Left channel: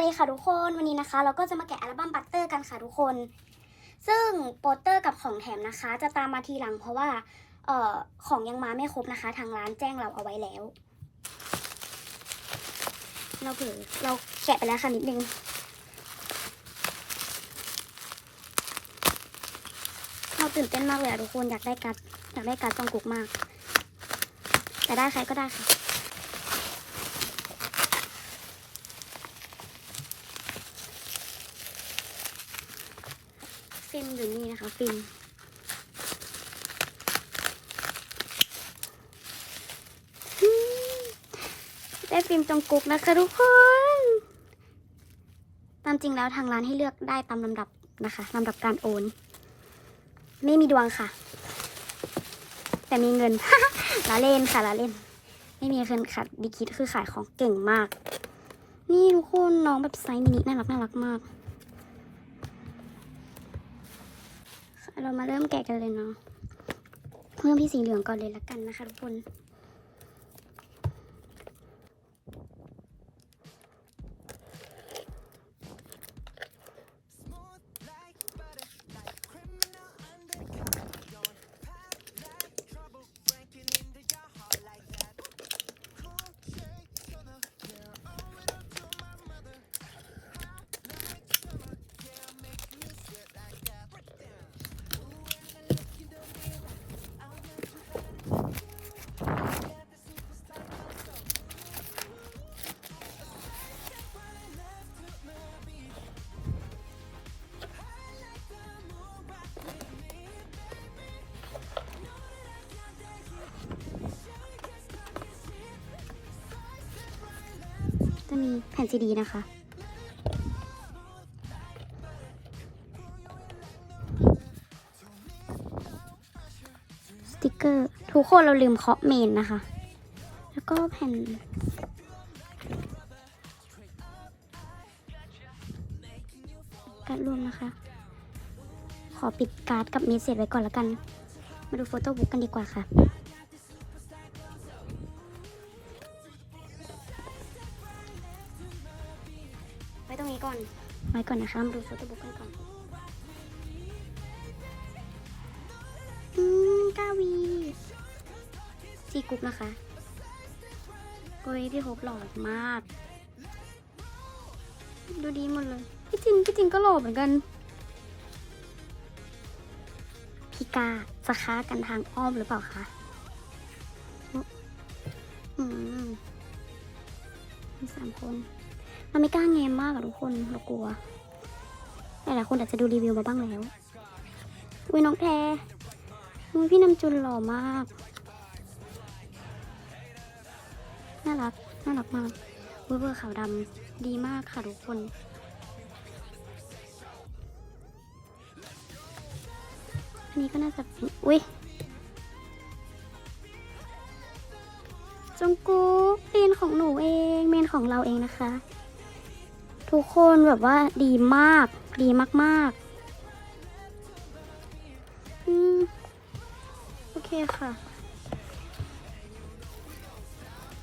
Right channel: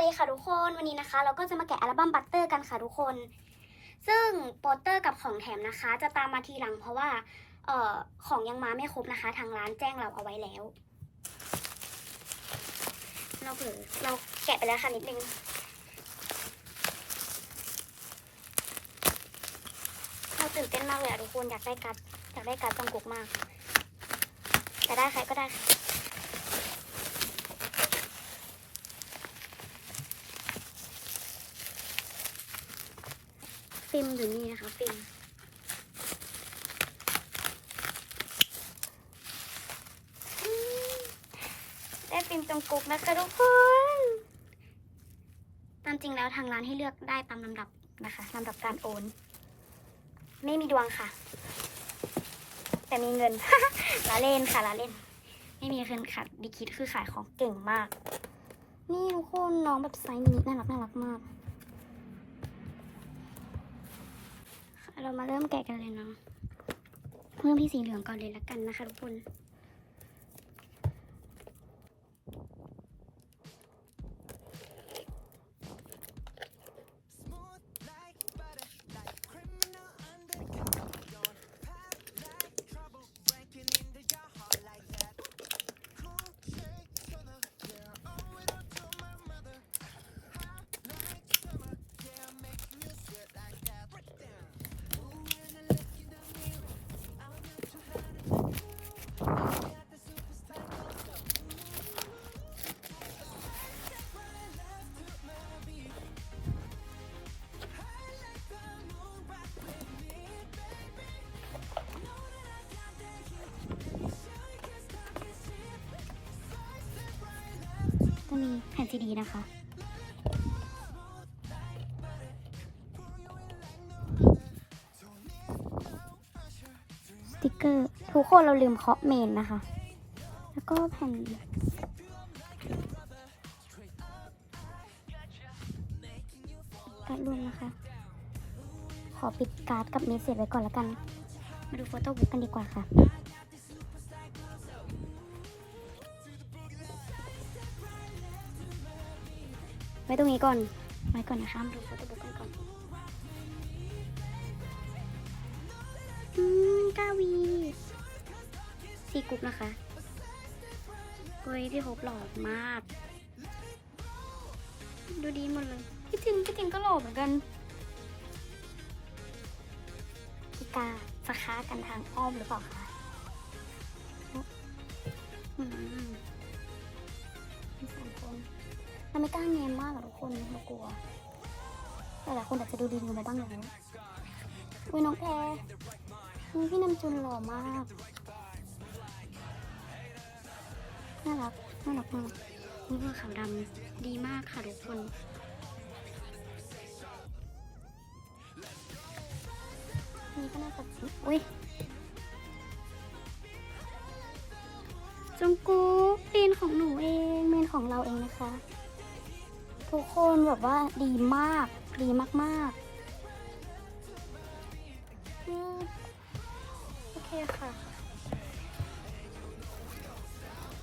วัสดีค่ะทุกคนวันนี้นะคะ เราก็จะมาแกะอัลบั้มบัตเตอร์กันค่ะทุกคน ซึ่งโปสเตอร์กับของแถมนะคะ จะตามมาทีหลังเพราะว่าเอ่อของยังมาไม่ครบนะคะ ทางร้านแจ้งเราเอาไว้แล้ว เราเผลอเราแกะไปแล้วค่ะนิดนึงเราตื่นเต้นมากเลยทุกคนอยากได้การอยากได้การดจองกุกมากแต่ได้ใครก็ได้ค่ะ ฟิล์มอยู่นี่นะคะฟิล์มอืมได้ฟิล์มจงกุกนะคะทุกคน ตามจริงแล้วทางร้านให้เลือกได้ตามลำดับนะคะลำดับการโอน ไม่มีดวงค่ะ แต่มีเงินละเล่นค่ะละเล่น ไม่มีเงินค่ะดิคิดคือขายของเก่งมาก นี่ทุกคนน้องแบบไซส์มินิน่ารักน่ารักมาก เรามาเริ่มแกะกันเลยเนาะเริ่มที่สีเหลืองก่อนเลยละกันนะคะทุกคน มีแผ่นซีดีนะคะ สติกเกอร์ ทุกคนเราลืมเคาะเมนนะคะ แล้วก็แผ่นการ์ดรวมนะคะ ขอปิดการ์ดกับเมสเซจไว้ก่อนแล้วกัน มาดูโฟโต้บุ๊กกันดีกว่าค่ะ ไว้ตรงนี้ก่อนไว้ก่อนนะคะมาดูโฟโต้บุ๊กกันก่อนอืมกาวีซีกรุ๊ปนะคะโอ้ยพี่โฮปหล่อมาก ดูดีหมดเลยพี่จินพี่จินก็หล่อเหมือนกันพี่กาจะค้ากันทางอ้อมหรือเปล่าคะอืมมีสามคน เราไม่กล้าแงมมากอะทุกคนเรากลัวหลายๆคนอาจจะดูรีวิวไปบ้างแล้วอุ้ยน้องแพรพี่น้ำจุนหล่อมากน่ารักน่ารักมากเบอร์เบอร์ขาวดำดีมากค่ะทุกคนอันนี้ก็น่าจะเป็นอุ้ยจงกุ๊กเมนของหนูเองเมนของเราเองนะคะ ทุกคนแบบว่าดีมาก ดีมากๆอืมโอเคค่ะ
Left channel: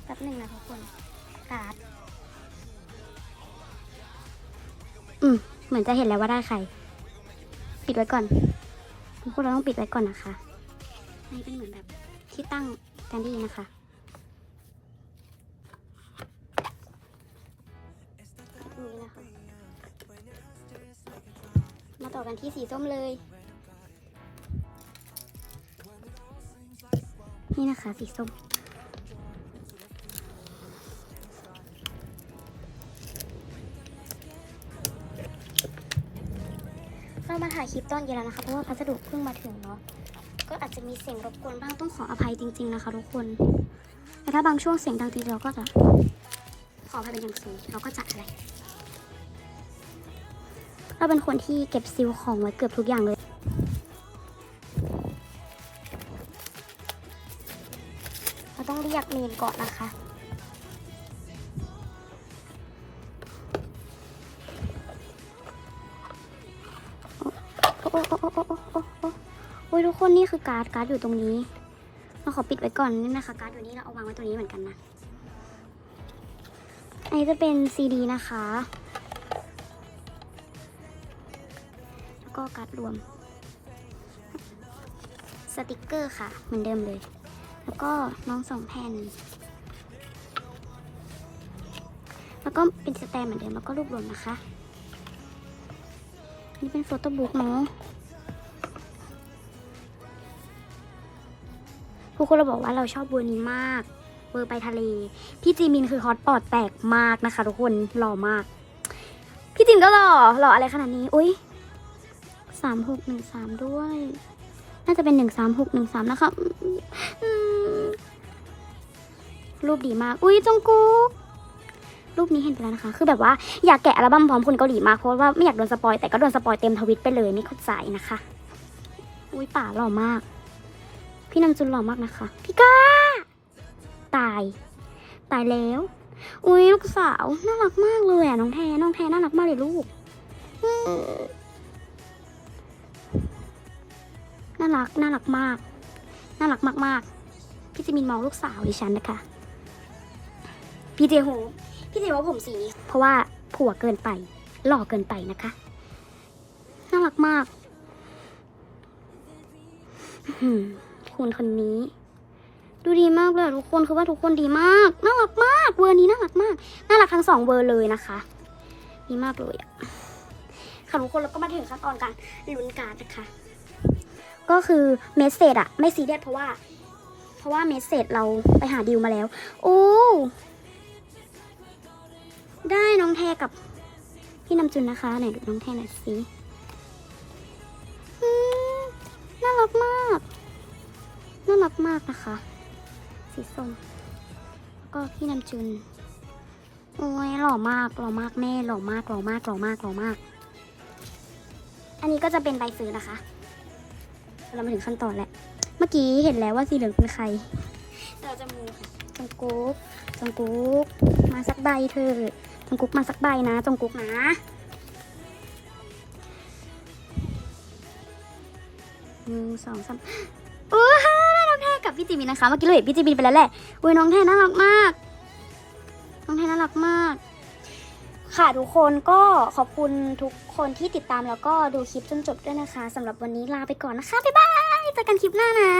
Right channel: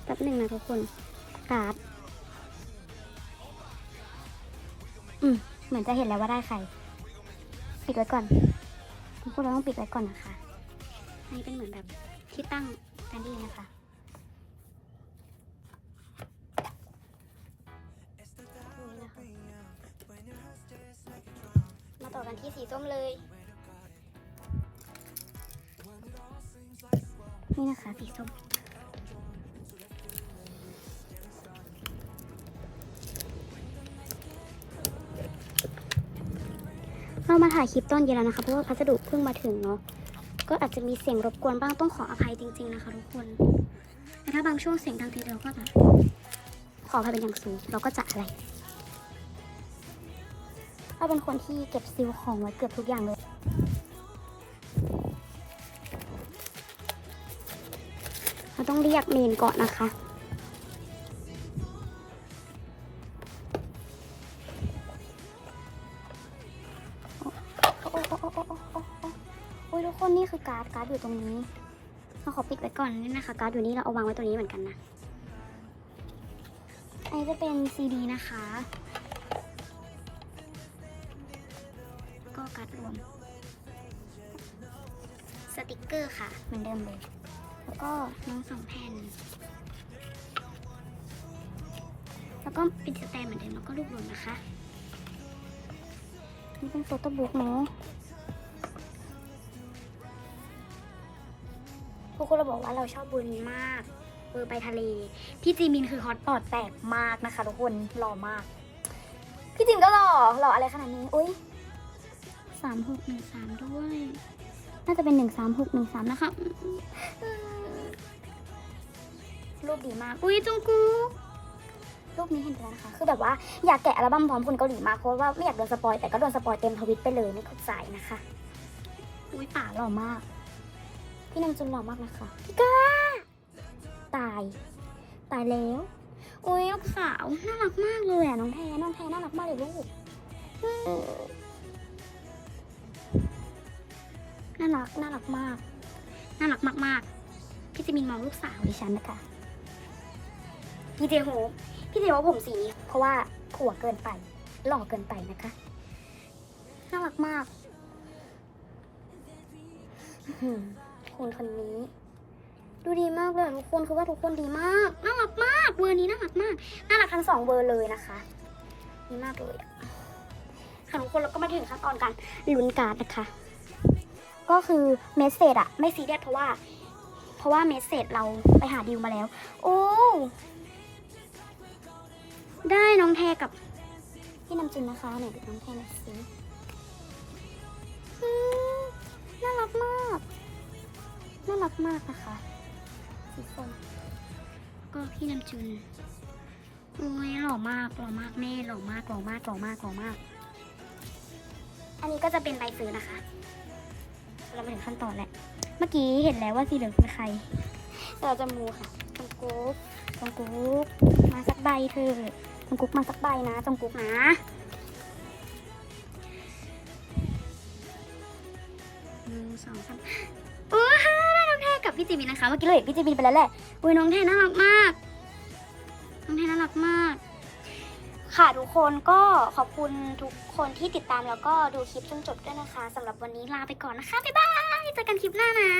แป๊บหนึงนะทุกคนการ์ดอืมเหมือนจะเห็นแล้วว่าได้ใคร ปิดไว้ก่อนพวกเราต้องปิดไว้ก่อนนะคะอันนี้เป็นเหมือนแบบที่ตั้งกันดีนะคะ กันที่สีส้มเลย นี่นะคะสีส้มเรามาถ่ายคลิปตอนเย็นแล้วนะคะเพราะว่าพัสดุเพิ่งมาถึงเนาะก็อาจจะมีเสียงรบกวนบ้างต้องขออภัยจริง ๆนะคะทุกคนแต่ถ้าบางช่วงเสียงดังทีเราก็จะขออภัยเป็นอย่างสูงเราก็จะอะไร เราเป็นคนที่เก็บซิลของไว้เกือบทุกอย่างเลย เราต้องเรียกมีนก่อนนะคะโอ้ยทุกคนนี่คือการ์ดการ์ดอยู่ตรงนี้เราขอปิดไว้ก่อนนี่นะคะ การ์ดอยู่นี่เราเอาวางไว้ตรงนี้เหมือนกันนะ อันนี้จะเป็นซีดีนะคะ ก็การ์ดรวม สติกเกอร์ค่ะ เหมือนเดิมเลย แล้วก็น้องสองแผ่น แล้วก็เป็นสแตมเหมือนเดิมแล้วก็รูปรวมนะคะ นี่เป็นโฟโต้บุ๊กเนาะทุกคนเราบอกว่าเราชอบเวอร์นี้มากเวอร์ไปทะเล พี่จีมินคือฮอตปอดแตกมากนะคะทุกคนหล่อมาก พี่จิมก็หล่อหล่ออะไรขนาดนี้ อุ้ย สามหกหนึ่งสามด้วย น่าจะเป็นหนึ่งสามหกหนึ่งสามนะคะรูปดีมาก อุ้ยจงกูรูปนี้เห็นไปแล้วนะคะ คือแบบว่าอยากแกะอัลบั้มพร้อมคุณเกาหลีมากเพราะว่าไม่อยากโดนสปอยแต่ก็โดนสปอยเต็มทวิตไปเลยไม่เข้าใจนะคะ อุ้ยป่าหล่อมาก พี่นำจุนหล่อมากนะคะ พี่ก้า ตาย ตายแล้ว อุ้ยลูกสาวน่ารักมากเลยอะน้องแทน้องแทน่ารักมากเลยลูการักน่ารักมาก น่ารักมากๆ พี่จิมินมองลูกสาวดิฉันนะคะ พี่เจโฮพี่เจโฮปผมสีนี้ เพราะว่าผัวเกินไป หล่อเกินไปนะคะ น่ารักมากคุณคนนี้ ดูดีมากเลยทุกคนคือว่าทุกคนดีมาก น่ารักมาก เวอร์นี้น่ารักมาก น่ารักทั้งสองเวอร์เลยนะคะดีมากเลยค่ะทุกคนแล้วก็มาถึงขั้นตอนการลุ้นการ์ดนะคะ ก็คือเมสเซจอะไม่ซีเรียสเพราะว่า เพราะว่าเมสเซจเราไปหาดิวมาแล้วโอ้ได้น้องแทกับพี่น้ำจุนนะคะไหนดูน้องแทหน่อยสิน่ารักมาก น่ารักมากนะคะสีส้มก็พี่น้ำจุน โอ้ยหล่อมากหล่อมากแม่หล่อมากหล่อมากหล่อมากหล่อมาก อันนี้ก็จะเป็นใบซื้อนะคะ เรามาถึงขั้นตอนแล้ว เมื่อกี้เห็นแล้วว่าสีเหลืองเป็นใครแต่เราจะมูค่ะจงกุ๊กจงกุ๊กมาสักใบเถอะจงกุ๊กมาสักใบนะจงกุ๊กนะหนึ่งสองสามโอ้ฮ่าน้องแท้กับพี่จีบีนะคะ เมื่อกี้เราเห็นพี่จีบีไปแล้วแหละอุ้ยน้องแท้น่ารักมาก น้องแท้น่ารักมาก ค่ะทุกคนก็ขอบคุณทุกคนที่ติดตามแล้วก็ดูคลิปจนจบด้วยนะคะสำหรับวันนี้ลาไปก่อนนะคะ บ๊ายบายเจอกันคลิปหน้านะ